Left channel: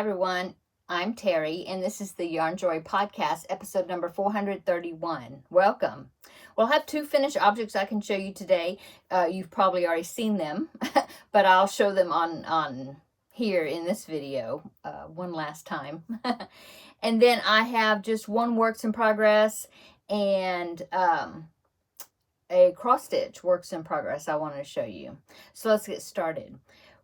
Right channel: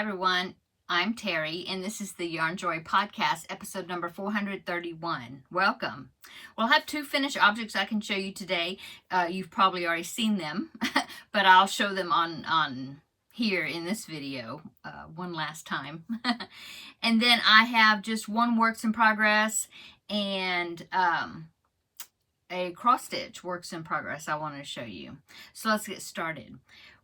Hi everyone, I'm Terry and this is the Yarn Joy Podcast, episode number 431. Welcome. Well, I have two finished objects I can show you today. You've probably already seen them, but I'll show them on here in this video one last time. And then I have just one works in progress and a cross stitch works in progress I wanted to show you. So let's get started.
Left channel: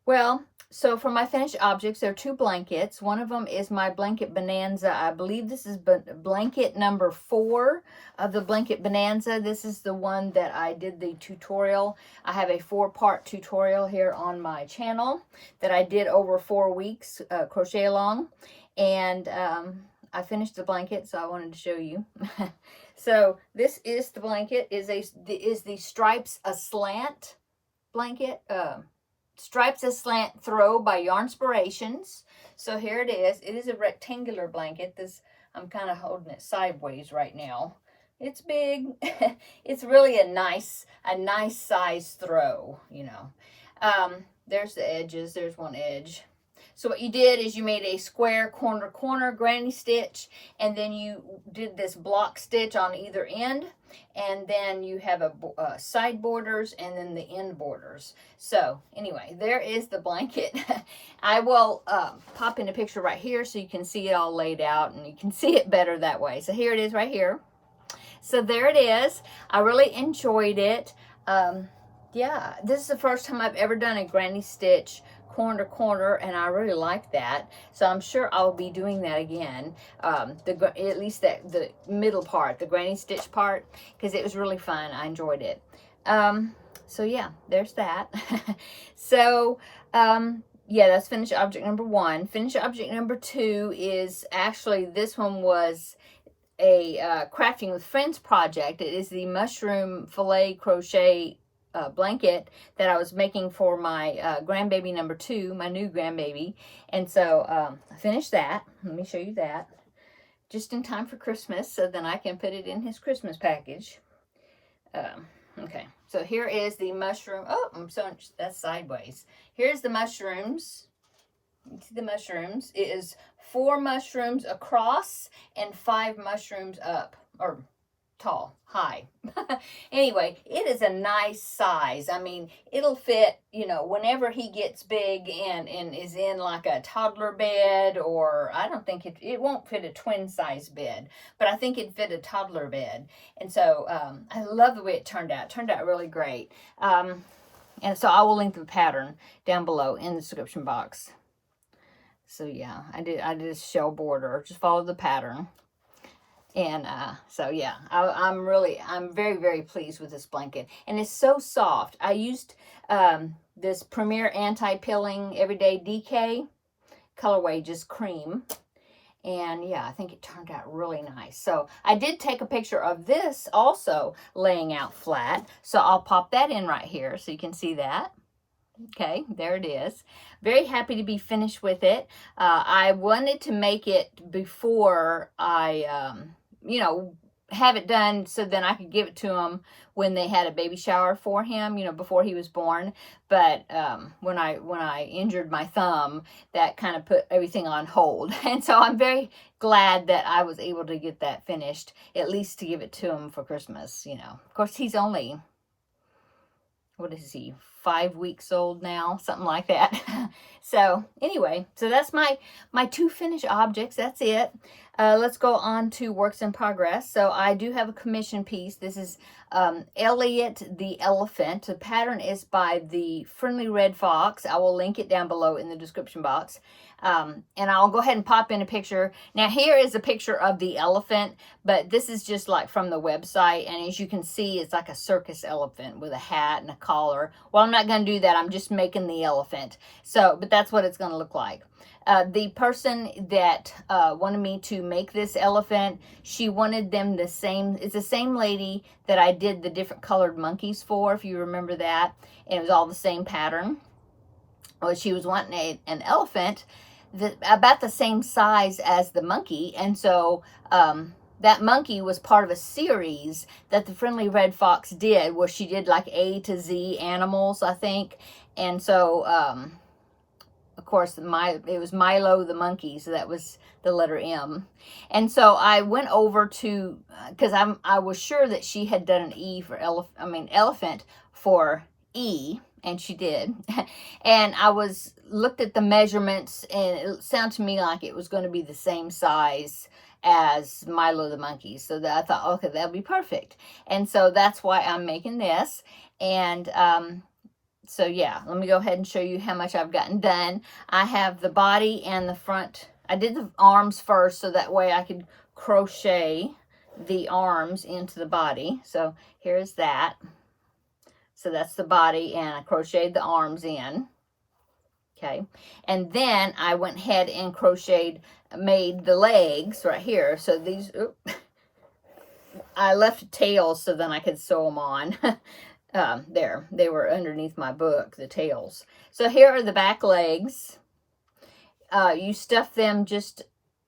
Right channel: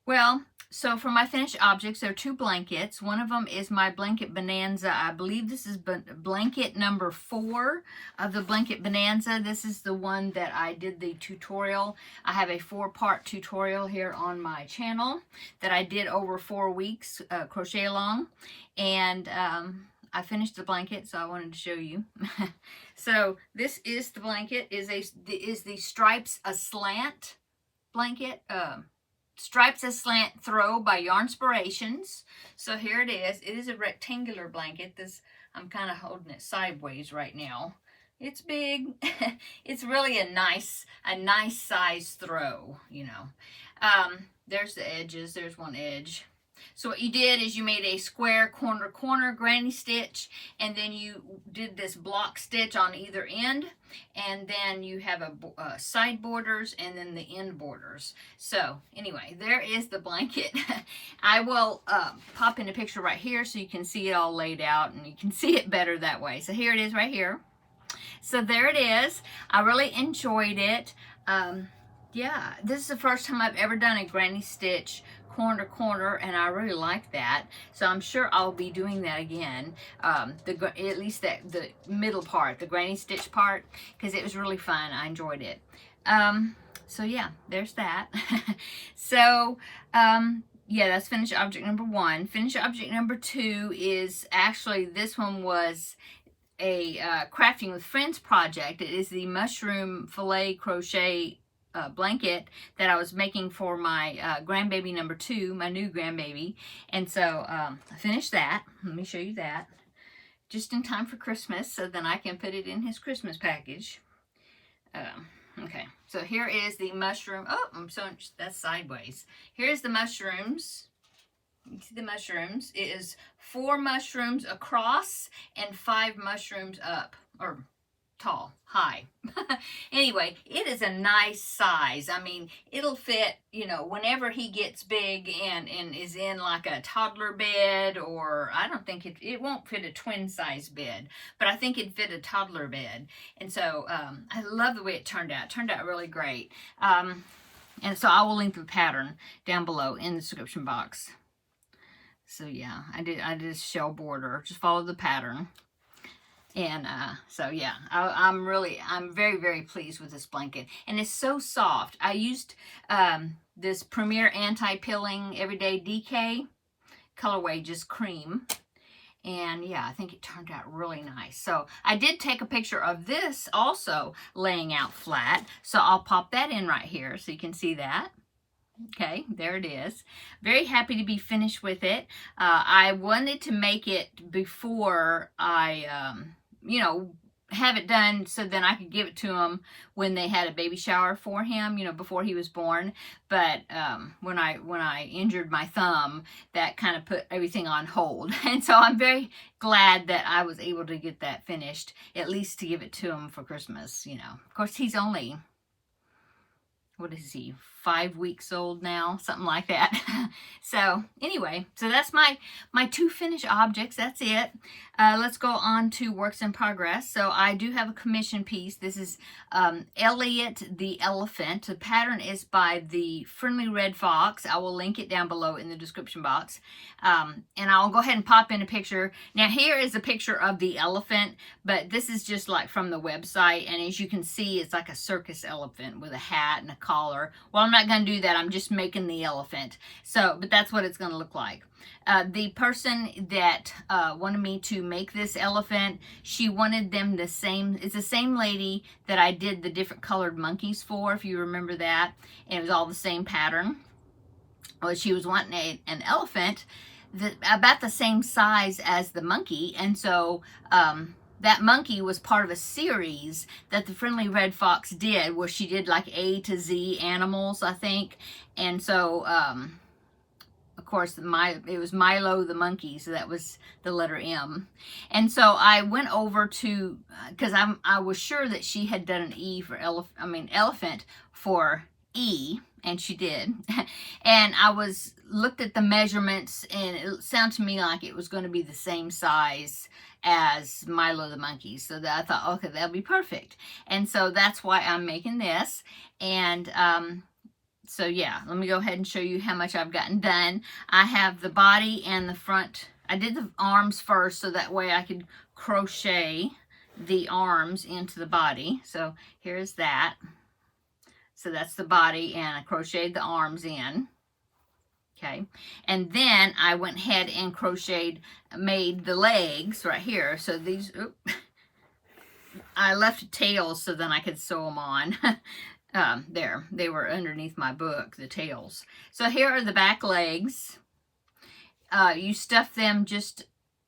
Well, so for my finished objects, there are two blankets. One of them is my blanket bonanza. I believe this is blanket number 4 of the blanket bonanza. This is the one that I did the tutorial. I have a 4-part tutorial here on my channel that I did over 4 weeks, crochet along. And I finished the blanket, so I wanted to show you. So this is the blanket, is the Stripes Aslant blanket. Stripes Aslant Throw by Yarnspirations. So here it is. It is a rectangular blanket. I'm kind of holding it sideways right now. It's big. It's really a nice size throw, you know. There's the edges. There's one edge. So what you did is you made a square corner granny stitch, and then you did this block stitch on either end, and then you have a side borders and then the end borders. So anyway, there is the blanket. I will pop in a picture right here so you can see it all laid out and you can see it better that way. So here it is right here. So there it is. I really enjoyed it. Yeah, this is the first time I've ever done a granny stitch corner to corner, and I really like that, so I'm sure I'll be doing that again, at least the middle part, the granny stitch part, because it was really fun. I enjoyed it. So yeah, there's that. So yeah, that's finished object number 1. Finished object number 2 is actually, this one was a Crafting with Friends project. It is the mushroom fillet crochet blanket that I was making for my grandbaby number 2, my new grandbaby. And so I finished that. Let me show you that. Just in time for Christmas, so then I can put it in his Christmas package. Okay, so here is the mushroom. Oh, that's sideways. Here's the mushrooms. You see the mushrooms. It is 4 mushrooms across and 5 mushrooms up, or tall, high. Anyway, it is a nice size. I mean, it'll fit, you know, whenever he gets big and is in like a toddler bed, or I don't think it won't fit a twin size bed, but I think it'd fit a toddler bed. And so I love the way it turned out. It turned out really great. And so I will link the pattern down below in the description box. So yeah, I did a shell border. Just follow the pattern. And so yeah, I'm very, very pleased with this blanket. And it's so soft. I used this Premier Anti-Pilling Everyday DK colorway, just cream. And yeah, I think it turned out really nice. So I did take a picture of this also laying out flat. So I'll pop that in right here so you can see that. Okay, there it is. Very happy to be finished with it. I wanted to make it before I, you know, have it done so then I could give it to him when they had a baby shower for him, you know, before he was born. But when I injured my thumb, that kind of put everything on hold. And so I'm very glad that I was able to get that finished, at least to give it to him for Christmas, you know. Of course, he's only, what is he, 5 weeks old now, something like that. So anyway, so that's my 2 finished objects. That's it. Let's go on to works in progress. So I do have a commission piece. This is Elliot the Elephant. The pattern is by the Friendly Red Fox. I will link it down below in the description box. And I'll go ahead and pop in a picture. Now here is a picture of the elephant, but this is just like from the website. And as you can see, it's like a circus elephant with a hat and a collar. Well, I'm not going to do that. I'm just making the elephant. So, but that's what it's going to look like. The person that wanted me to make this elephant, she wanted them the same. It's the same lady that I did the different colored monkeys for, if you remember that. And it was all the same pattern. Well, she was wanting an elephant about the same size as the monkey. And so that monkey was part of a series that the Friendly Red Fox did, where she did like A to Z animals, I think. And so course, it was Milo the monkey, so that was the letter M. And so I went over to, because I was sure that she had done an E for elephant for E, and she did. And I looked at the measurements, and it sounded to me like it was going to be the same size as Milo the monkey. So that I thought, okay, that'll be perfect. And so that's why I'm making this. And so yeah, let me go ahead and show you how much I've gotten done. I have the body and the front. I did the arms first, so that way I could crochet the arms into the body. So here's that. So that's the body, and I crocheted the arms in. Okay. And then I went ahead and made the legs right here. So these, I left tails so then I could sew them on. There, they were underneath my book, the tails. So here are the back legs. You stuff them just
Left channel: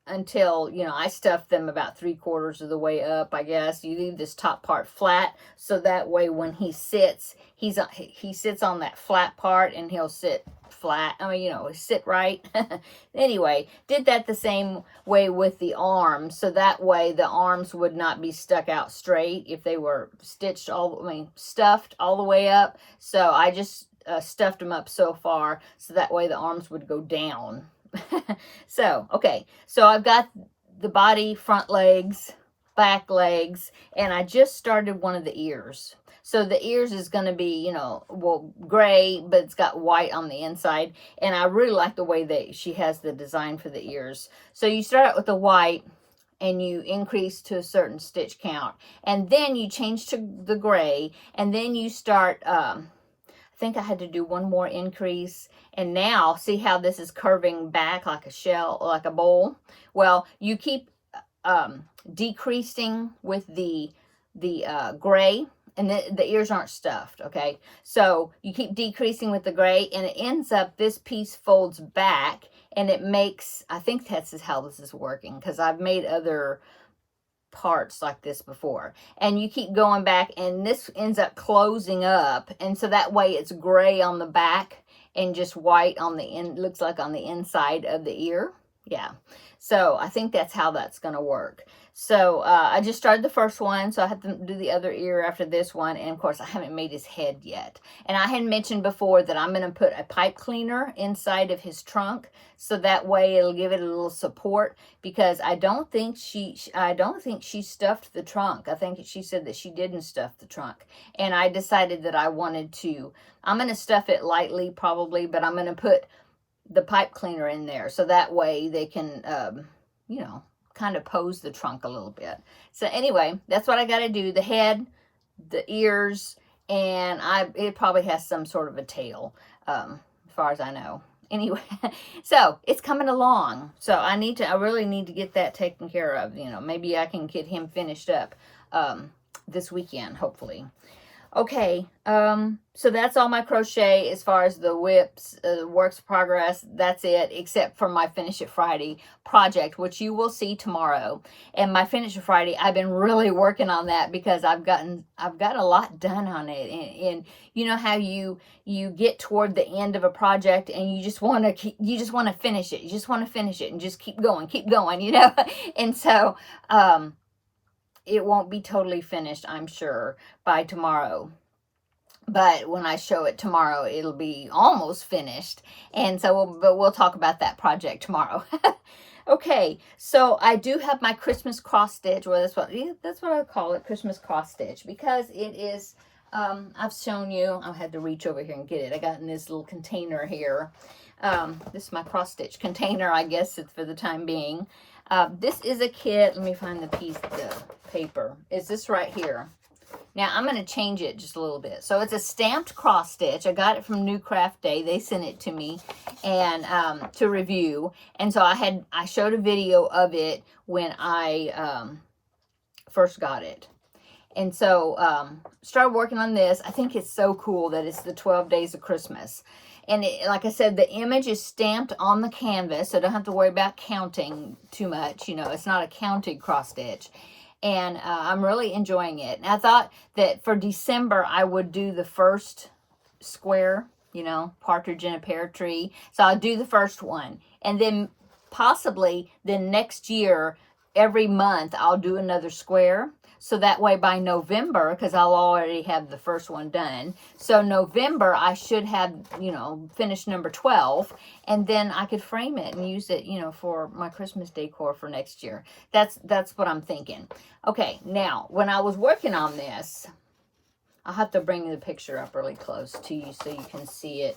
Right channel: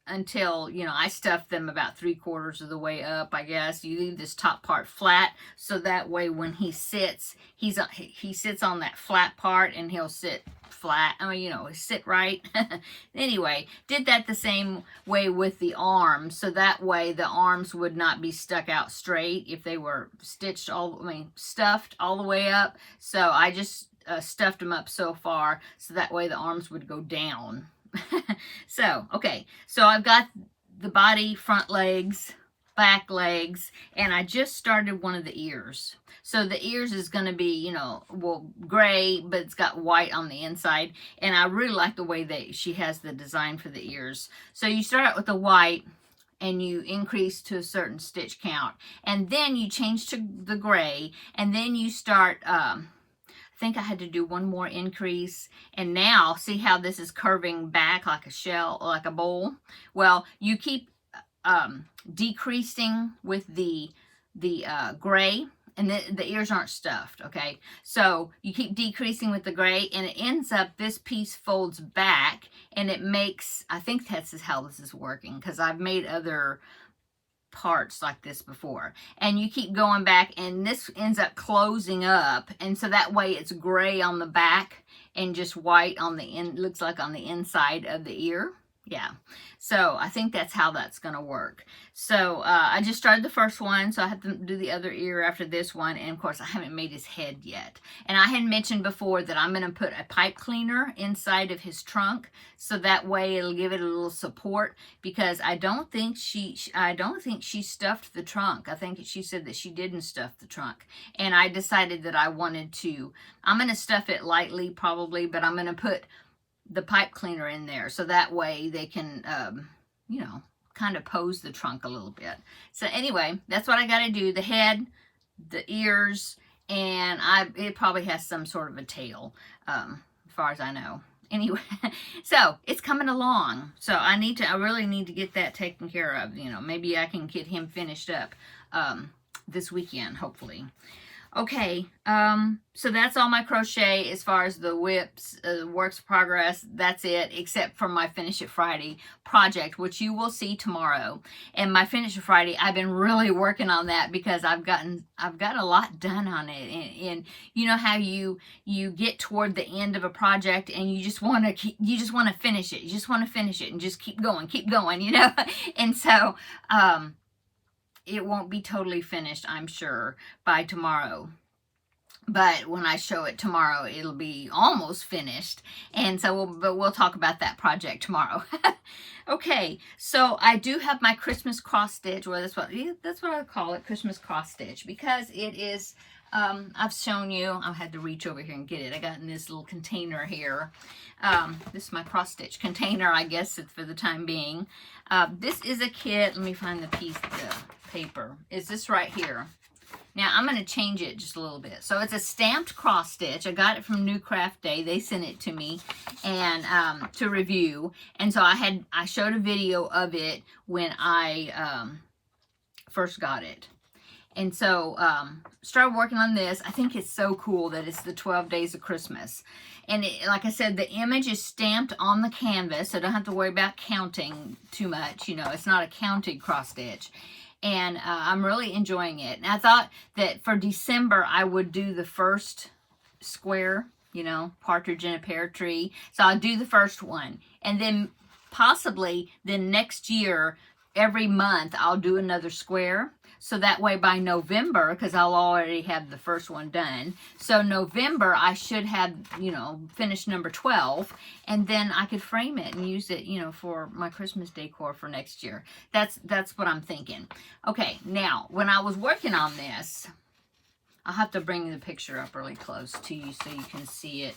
until, I stuffed them about 3/4 of the way up, I guess. You leave this top part flat, so that way when he sits, he sits on that flat part, and he'll sit flat. Sit right. Anyway, did that the same way with the arms, so that way the arms would not be stuck out straight if they were stuffed all the way up. So I just stuffed them up so far, so that way the arms would go down. So, okay, so I've got the body, front legs, back legs, and I just started one of the ears. So the ears is going to be, gray, but it's got white on the inside, and I really like the way she has the design for the ears. So you start out with the white, and you increase to a certain stitch count, and then you change to the gray, and then you start, I think I had to do one more increase, and now see how this is curving back like a shell, like a bowl. Well, you keep decreasing with the gray, and the ears aren't stuffed, okay? So you keep decreasing with the gray, and it ends up, this piece folds back, and it makes, I think that's how this is working, because I've made other parts like this before, and you keep going back, and this ends up closing up, and so that way it's gray on the back and just white on the end, looks like on the inside of the ear. Yeah, so I think that's how that's going to work. So I just started the first one, so I have to do the other ear after this one, and of course I haven't made his head yet. And I had mentioned before that I'm going to put a pipe cleaner inside of his trunk, so that way it'll give it a little support, because I don't think she stuffed the trunk. I think she said that she didn't stuff the trunk, and I decided that I'm going to stuff it lightly probably, but I'm going to put the pipe cleaner in there, so that way they can, kind of pose the trunk a little bit. So anyway, that's what I got to do. The head, the ears, and it probably has some sort of a tail, as far as I know. Anyway, so it's coming along. So I really need to get that taken care of. Maybe I can get him finished up this weekend, hopefully. Okay, so that's all my crochet as far as the whips, works of progress. That's it, except for my Finish It Friday project, which you will see tomorrow. And my Finish It Friday, I've been really working on that, because I've got a lot done on it. And you know how you get toward the end of a project, and you just want to finish it. You just want to finish it and just keep going, And so, it won't be totally finished, I'm sure, by tomorrow. But when I show it tomorrow, it'll be almost finished. And so, we'll talk about that project tomorrow. Okay, so I do have my Christmas cross stitch. Well, that's what I call it, Christmas cross stitch, because it is, I've shown you, I had to reach over here and get it. I got in this little container here. This is my cross stitch container, I guess it's for the time being. This is a kit. Let me find the paper. Is this right here? Now I'm going to change it just a little bit. So it's a stamped cross stitch. I got it from New Craft Day. They sent it to me and to review. And so I showed a video of it when I first got it. And so started working on this. I think it's so cool that it's the 12 days of Christmas. And like I said, the image is stamped on the canvas, so I don't have to worry about counting too much. It's not a counted cross stitch. And I'm really enjoying it. And I thought that for December, I would do the first square you know, partridge in a pear tree. So I'll do the first one. And then possibly then next year, every month, I'll do another square. So that way by November, because I'll already have the first one done. So November, I should have, you know, finished number 12. And then I could frame it and use it, you know, for my Christmas decor for next year. That's what I'm thinking. Okay, now, when I was working on this, I'll have to bring the picture up really close to you so you can see it.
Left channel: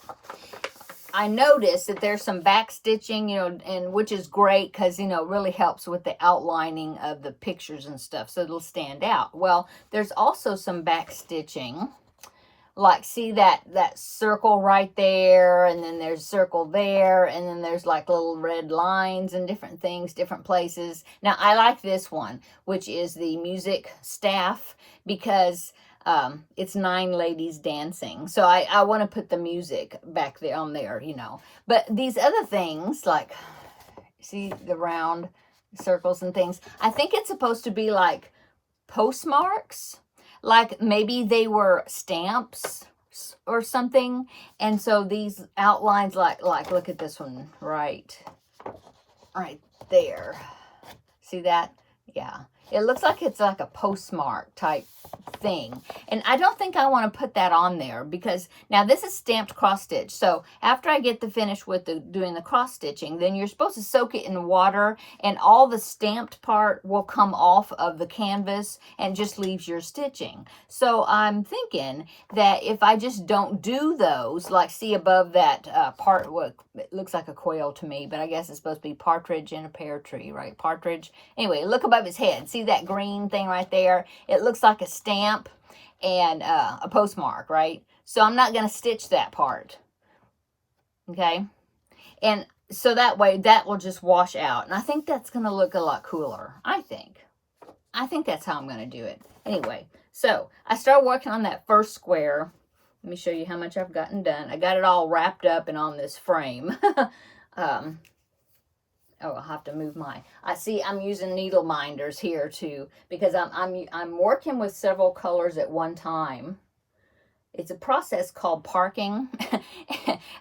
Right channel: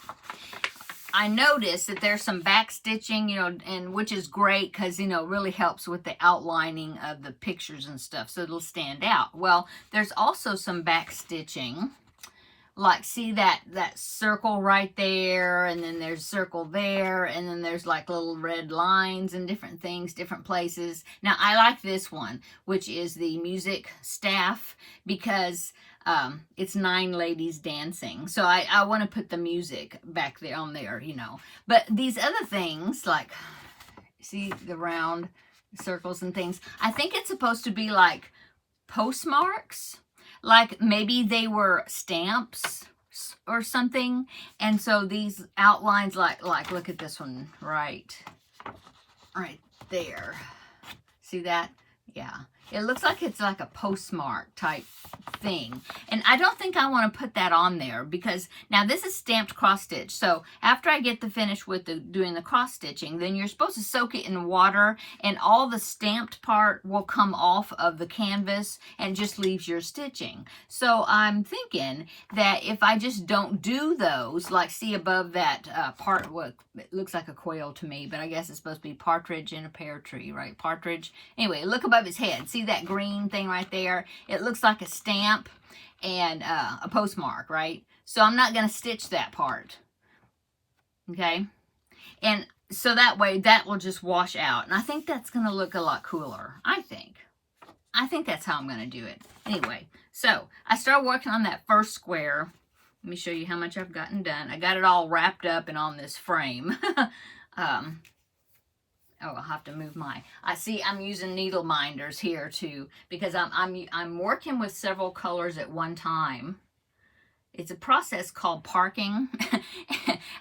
I noticed that there's some back stitching, you know, and which is great because, you know, really helps with the outlining of the pictures and stuff, so it'll stand out. Well, there's also some back stitching, like see that circle right there, and then there's circle there, and then there's like little red lines and different things, different places. Now, I like this one, which is the music staff, because it's 9 ladies dancing. So I want to put the music back there on there, you know. But these other things, like, see the round circles and things, I think it's supposed to be like postmarks. Like maybe they were stamps or something. And so these outlines, like look at this one right there. See that? Yeah. It looks like it's like a postmark type thing. And I don't think I want to put that on there, because now this is stamped cross stitch. So after I get the finish with doing the cross stitching, then you're supposed to soak it in water, and all the stamped part will come off of the canvas and just leaves your stitching. So I'm thinking that if I just don't do those, like see above that part, what it looks like a quail to me, but I guess it's supposed to be partridge in a pear tree, right? Partridge. Anyway, look above his head. See that green thing right there? It looks like a stamp and a postmark, right? So I'm not going to stitch that part. Okay? And so that way that will just wash out. And I think that's going to look a lot cooler. I think that's how I'm going to do it. Anyway, so I started working on that first square. Let me show you how much I've gotten done. I got it all wrapped up and on this frame. Oh, I'll have to move my. I see I'm using needle minders here too, because I'm working with several colors at one time. It's a process called parking.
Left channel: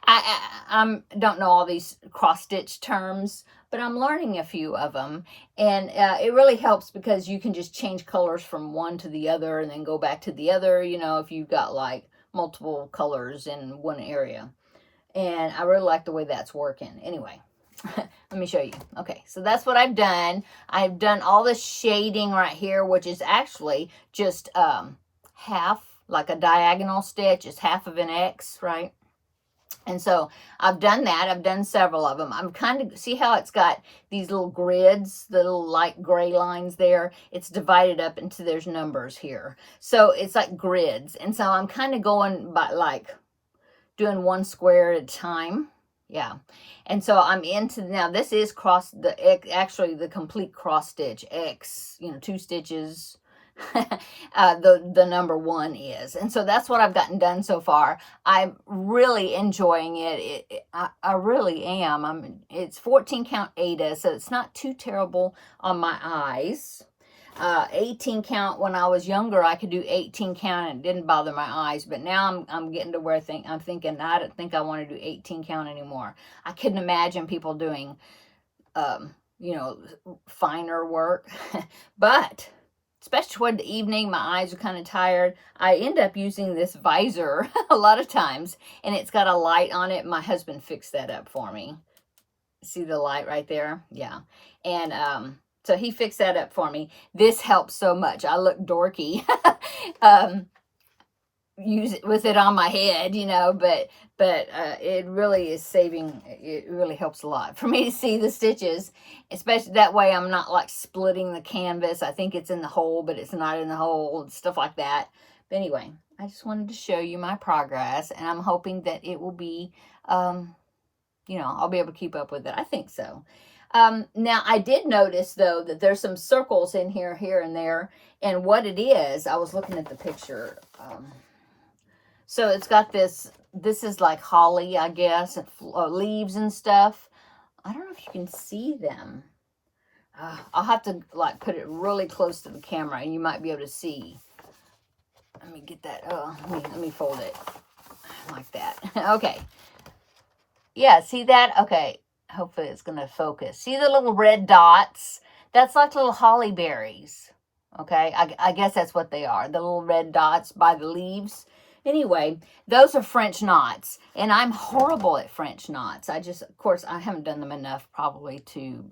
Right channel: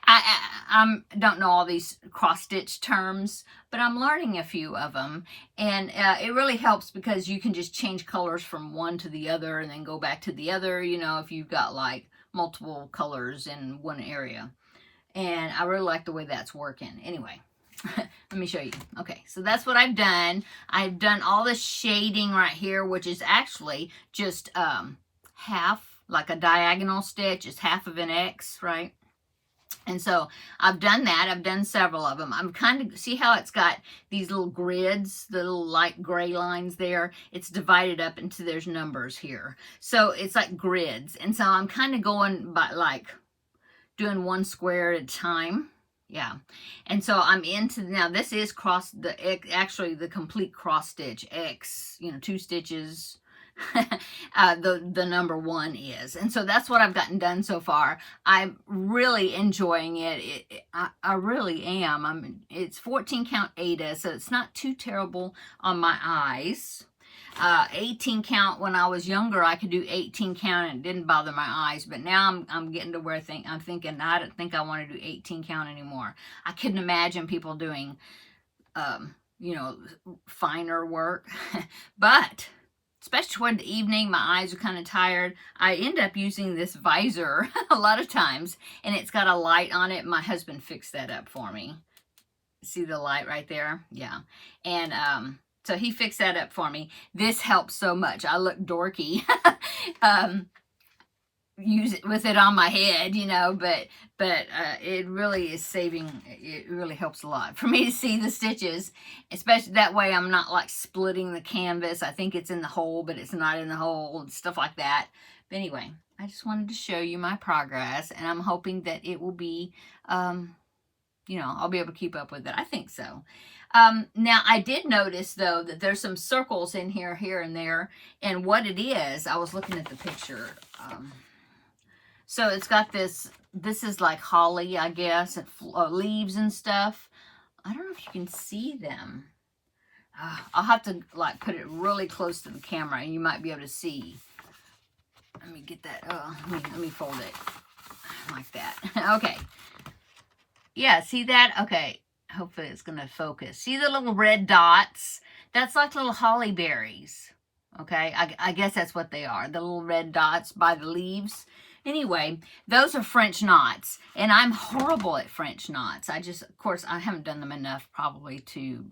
I don't know all these cross stitch terms, but I'm learning a few of them, and it really helps because you can just change colors from one to the other and then go back to the other. You know, if you've got like multiple colors in one area, and I really like the way that's working. Anyway. Let me show you. Okay, so that's what I've done. I've done all the shading right here, which is actually just half, like a diagonal stitch. It's half of an X, right? And so I've done that. I've done several of them. I'm kind of, see how it's got these little grids, the little light gray lines there? It's divided up into, there's numbers here. So it's like grids. And so I'm kind of going by like doing one square at a time. Yeah. And so I'm into, now this is actually the complete cross stitch X, you know, 2 stitches, the number 1 is. And so that's what I've gotten done so far. I'm really enjoying it. I really am. It's 14 count Aida, so it's not too terrible on my eyes. 18 count, when I was younger, I could do 18 count and it didn't bother my eyes. But now I'm getting to where I'm thinking, I don't think I want to do 18 count anymore. I couldn't imagine people doing, you know, finer work. But especially toward the evening, my eyes are kind of tired. I end up using this visor a lot of times, and it's got a light on it. My husband fixed that up for me. See the light right there? Yeah. And, so he fixed that up for me. This helps so much. I look dorky. Use it with it on my head, you know, but it really is saving. It really helps a lot for me to see the stitches, especially that way I'm not like splitting the canvas. I think it's in the hole, but it's not in the hole, and stuff like that. But anyway, I just wanted to show you my progress, and I'm hoping that it will be, you know, I'll be able to keep up with it. I think so. Now I did notice though that there's some circles in here and there, and what it is, I was looking at the picture. So it's got this is like holly, I guess, and leaves and stuff. I don't know if you can see them. I'll have to like put it really close to the camera and you might be able to see. Let me get that. Let me fold it. like that. Okay. Yeah, see that? Okay. Hopefully it's going to focus. See the little red dots? That's like little holly berries. Okay, I guess that's what they are. The little red dots by the leaves. Anyway, those are French knots. And I'm horrible at French knots. Of course, I haven't done them enough probably to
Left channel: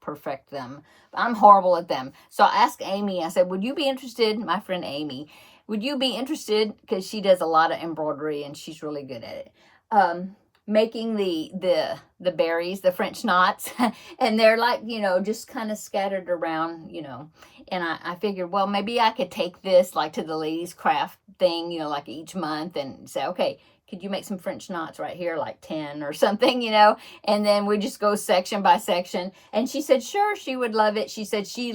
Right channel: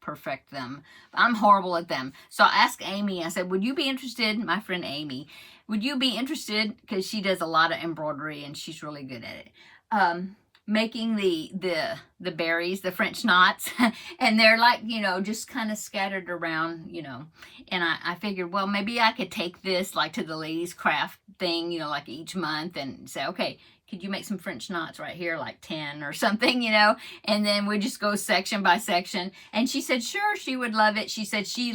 perfect them. I'm horrible at them. So I asked Amy, I said, would you be interested, my friend Amy, would you be interested, because she does a lot of embroidery and she's really good at it, making the berries, the French knots, and they're like, you know, just kind of scattered around, you know, and I figured, well, maybe I could take this like to the ladies craft thing, you know, like each month, and say, okay, could you make some French knots right here, like 10 or something, you know, and then we just go section by section. And she said, sure, she would love it. She said she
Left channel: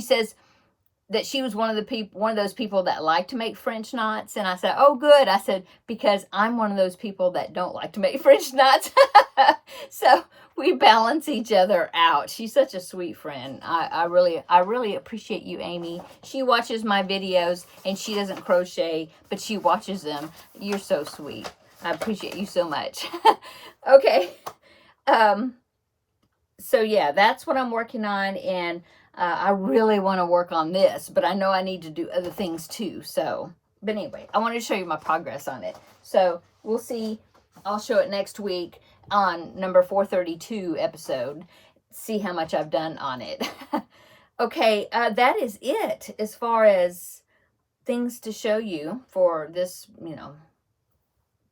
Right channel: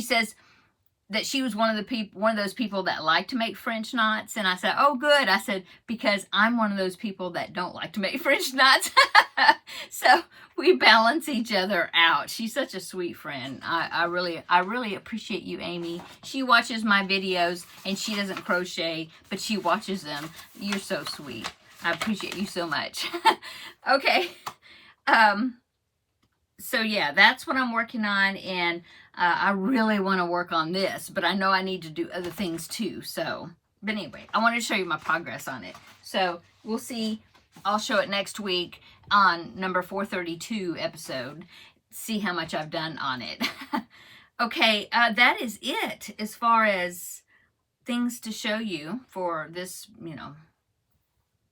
says that she was one of those people that like to make French knots. And I said, oh, good. I said, because I'm one of those people that don't like to make French knots. So we balance each other out. She's such a sweet friend. I really appreciate you, Amy. She watches my videos and she doesn't crochet, but she watches them. You're so sweet. I appreciate you so much. Okay. So yeah, that's what I'm working on. And I really want to work on this, but I know I need to do other things too. So, but anyway, I wanted to show you my progress on it. So we'll see. I'll show it next week on number 432 episode. See how much I've done on it. Okay, that is it as far as things to show you for this, you know,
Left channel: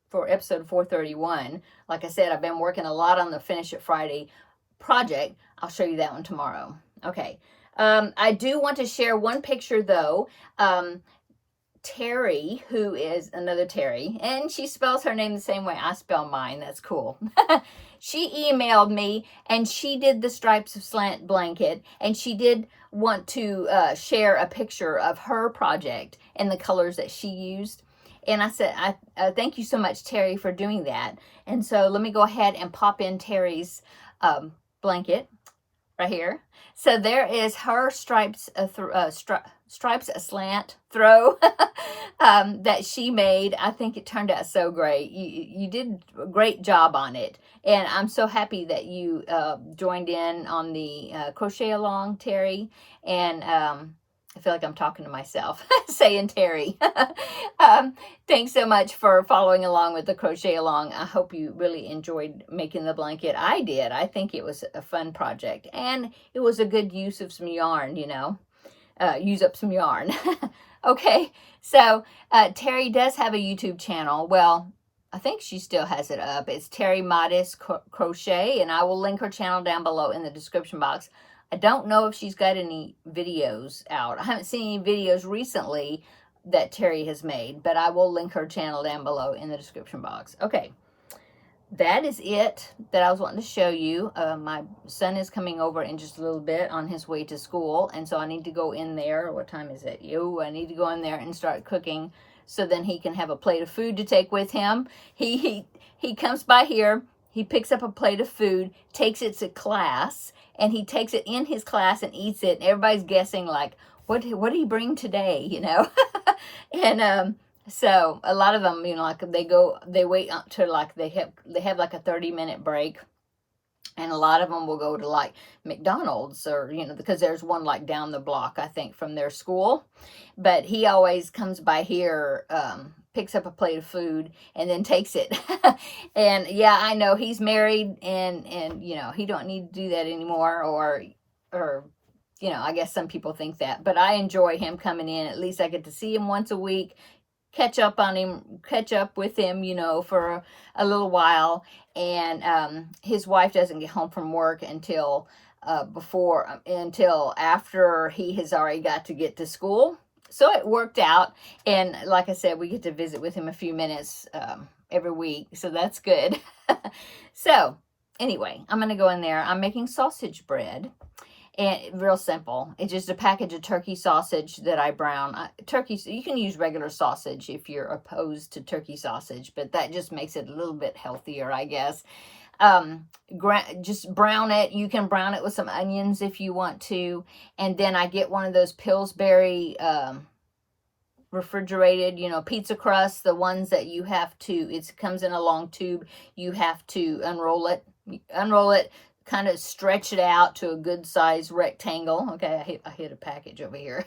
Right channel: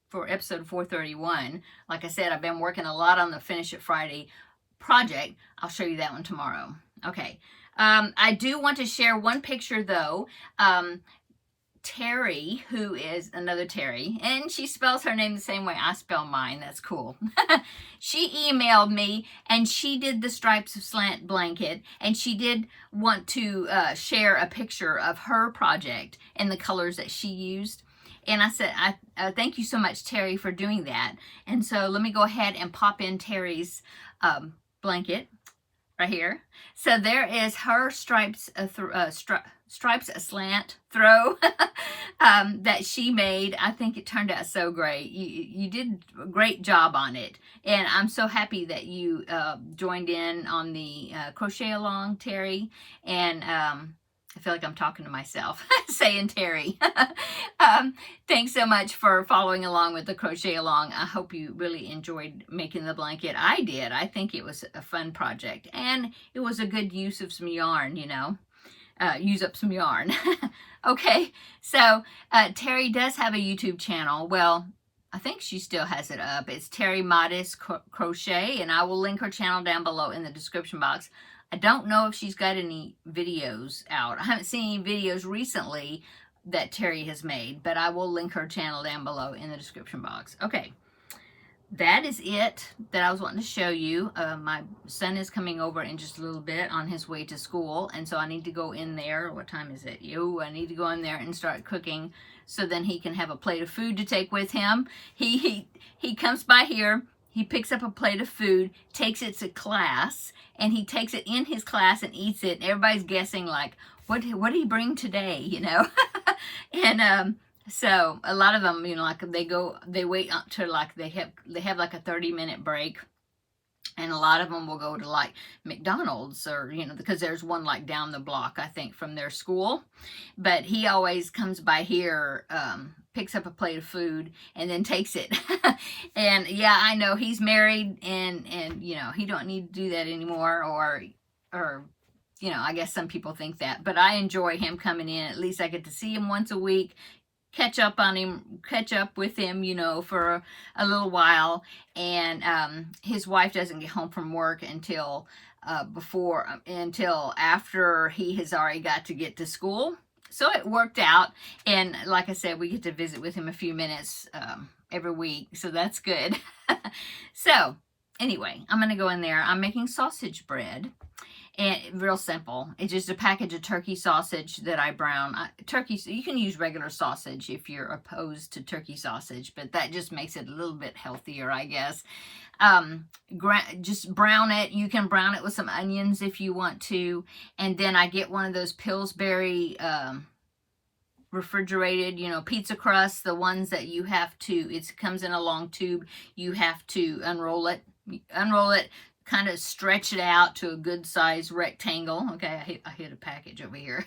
for episode 431. Like I said, I've been working a lot on the Finish It Friday project. I'll show you that one tomorrow. Okay. I do want to share one picture though. Terri, who is another Terri, and she spells her name the same way I spell mine. That's cool. She emailed me and she did the Stripes of Slant blanket, and she did want to share a picture of her project and the colors that she used. And I said, thank you so much, Terri, for doing that. And so let me go ahead and pop in Terri's blanket right here. So there is her stripes aslant throw that she made. I think it turned out so great. You did a great job on it. And I'm so happy that you joined in on the crochet along, Terri. And I feel like I'm talking to myself, saying Terri. Thanks so much for following along with the crochet along. I hope you really enjoyed making the blanket. I did. I think it was a fun project. And it was a good use of some yarn, you know. Use up some yarn. Okay, so Terri does have a YouTube channel. Well, I think she still has it up. It's Terri Modest Crochet, and I will link her channel down below in the description box. I don't know if she's got any videos out. I haven't seen any videos recently that Terri has made, but I will link her channel down below in the description box. Okay, that is it that I was wanting to show you. My son is coming over in just a little bit on his way to school, and so I need to go in there. What time is it? I need to go in there and start cooking so then he can have a plate of food to take with him. He comes by here, he picks up a plate of food, takes it to class, and he takes it in his class and eats it. And everybody's guessing like, what did he bring today, you know? And so a lot of them, you know, like they wait until like they have like a 30-minute break. And a lot of them will go to like McDonald's, or, you know, because there's one like down the block, I think, from their school. But he always comes by here, picks up a plate of food and then takes it. And yeah, I know he's married and, you know, he don't need to do that anymore, or, you know, I guess some people think that, but I enjoy him coming in. At least I get to see him once a week, catch up with him, you know, for a little while. And his wife doesn't get home from work until after he has already got to get to school. So it worked out. And like I said, we get to visit with him a few minutes every week. So that's good. So anyway, I'm going to go in there. I'm making sausage bread. And real simple. It's just a package of turkey sausage that I brown. Turkey, you can use regular sausage if you're opposed to turkey sausage, but that just makes it a little bit healthier, I guess. Just brown it. You can brown it with some onions if you want to. And then I get one of those Pillsbury refrigerated, you know, pizza crust, the ones that you have to, it comes in a long tube, you have to unroll it, kind of stretch it out to a good size rectangle. Okay, I hit a package over here.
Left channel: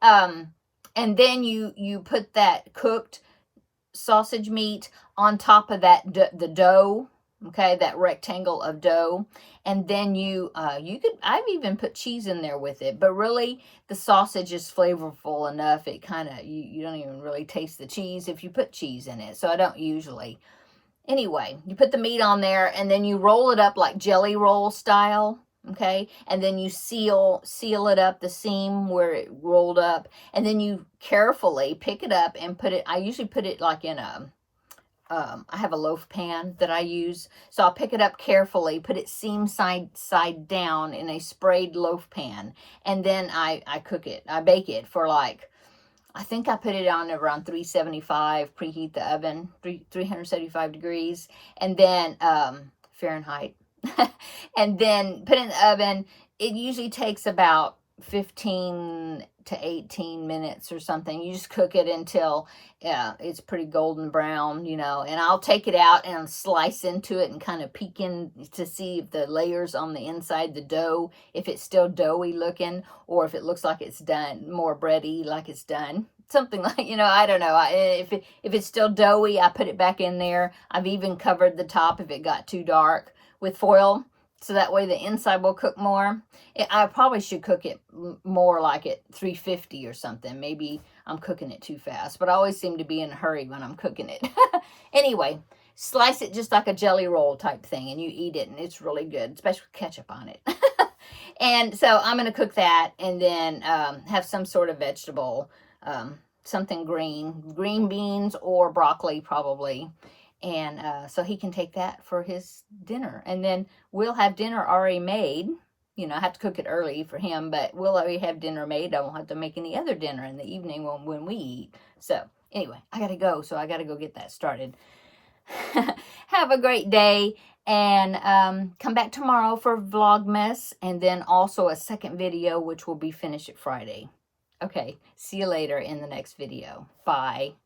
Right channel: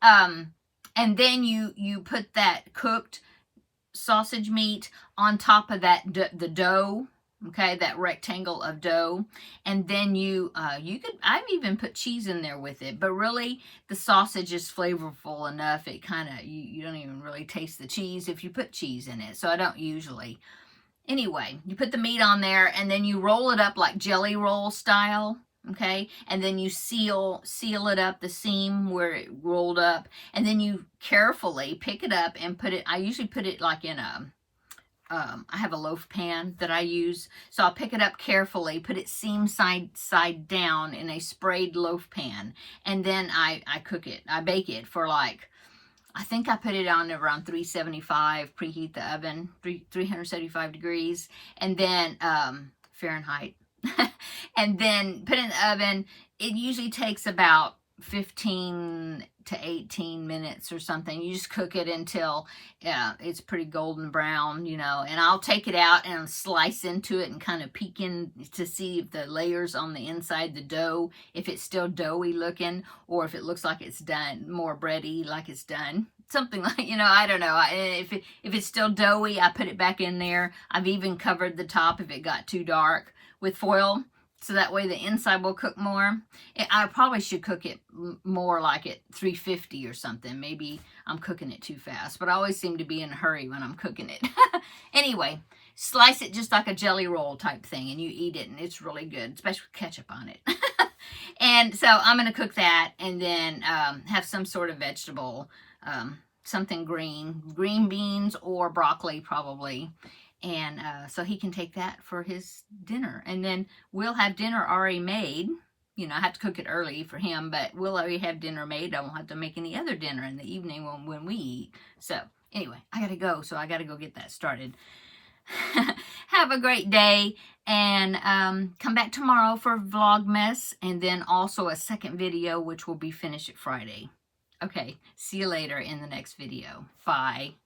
And then you put that cooked sausage meat on top of that the dough, okay, that rectangle of dough, and then I've even put cheese in there with it, but really the sausage is flavorful enough, it kind of, you don't even really taste the cheese if you put cheese in it, so I don't usually. Anyway, you put the meat on there, and then you roll it up like jelly roll style, okay, and then you seal it up, the seam where it rolled up, and then you carefully pick it up and put it, I usually put it like in a, I have a loaf pan that I use, so I'll pick it up carefully, put it seam side down in a sprayed loaf pan, and then I cook it, I bake it for like, I think I put it on around 375, preheat the oven, 375 degrees, and then Fahrenheit, and then put it in the oven. It usually takes about 15 to 18 minutes or something. You just cook it until it's pretty golden brown, you know, and I'll take it out and slice into it and kind of peek in to see if the layers on the inside, the dough, if it's still doughy looking, or if it looks like it's done, more bready, like it's done. Something like, you know, I don't know. If it's still doughy, I put it back in there. I've even covered the top if it got too dark with foil, so that way the inside will cook more. I probably should cook it more like at 350 or something. Maybe I'm cooking it too fast, but I always seem to be in a hurry when I'm cooking it. Anyway, slice it just like a jelly roll type thing, and you eat it, and it's really good, especially with ketchup on it. And so I'm going to cook that, and then have some sort of vegetable, something green beans or broccoli probably. And so he can take that for his dinner. And then we'll have dinner already made. You know, I have to cook it early for him, but we'll already have dinner made. I won't have to make any other dinner in the evening when we eat. So anyway, I got to go. So I got to go get that started. Have a great day. And come back tomorrow for Vlogmas. And then also a second video, which will be finished at Friday. Okay, see you later in the next video. Bye.